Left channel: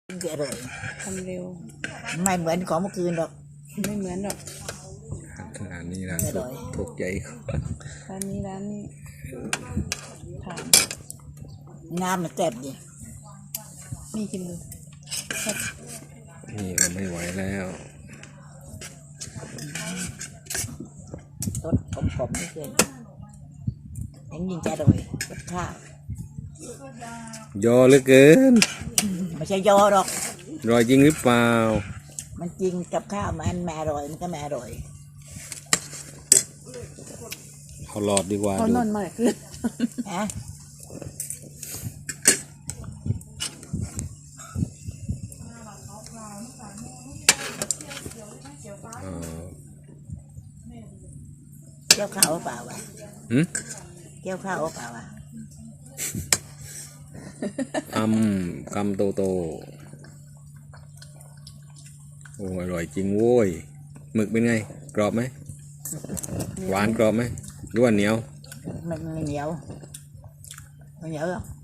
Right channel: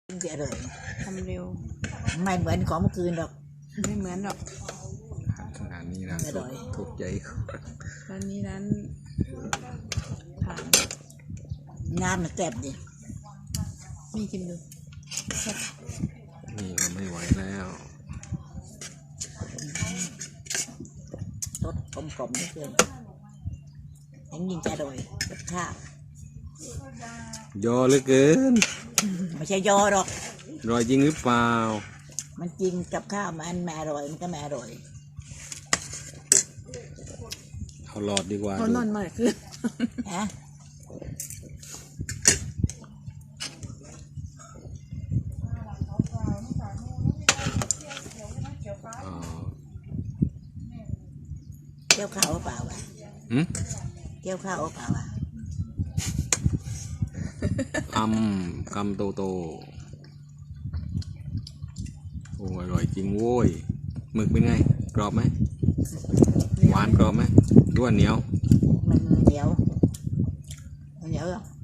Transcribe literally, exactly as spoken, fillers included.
เยอะเลยทำเร็วไม่เหมือนของเมื่อคืนหรอกไม่เหมือนหรอกร้านนี้ร้านถูกใจร้านนี้ร้านผ่านงานมันแซ่บดินี่กินดูนี่ก็ไม่ไหวแล้วรสกลมๆนี่เกินยังยิงจะโดยกับข้าวยอเหลือเกินไม่ใช่ยอหรอกรอยจริงหรือเปล่ามันจริงกับข้าวมันแม่อร่อยมันก็แม่อร่อยเอาหลอดดีกว่าเขานอนมาคือฮะเกี่ยวข้าวหรือเปล่าวะหืมเกี่ยวข้าวหรือเปล่าวะคำคำโตโตโอ้อร่อยจริงโว้ยหมึกเป็นไงกรอบไหมหวานกรอบไหมหรือว่าเหนียวมันเหนียวเหนียวหรอ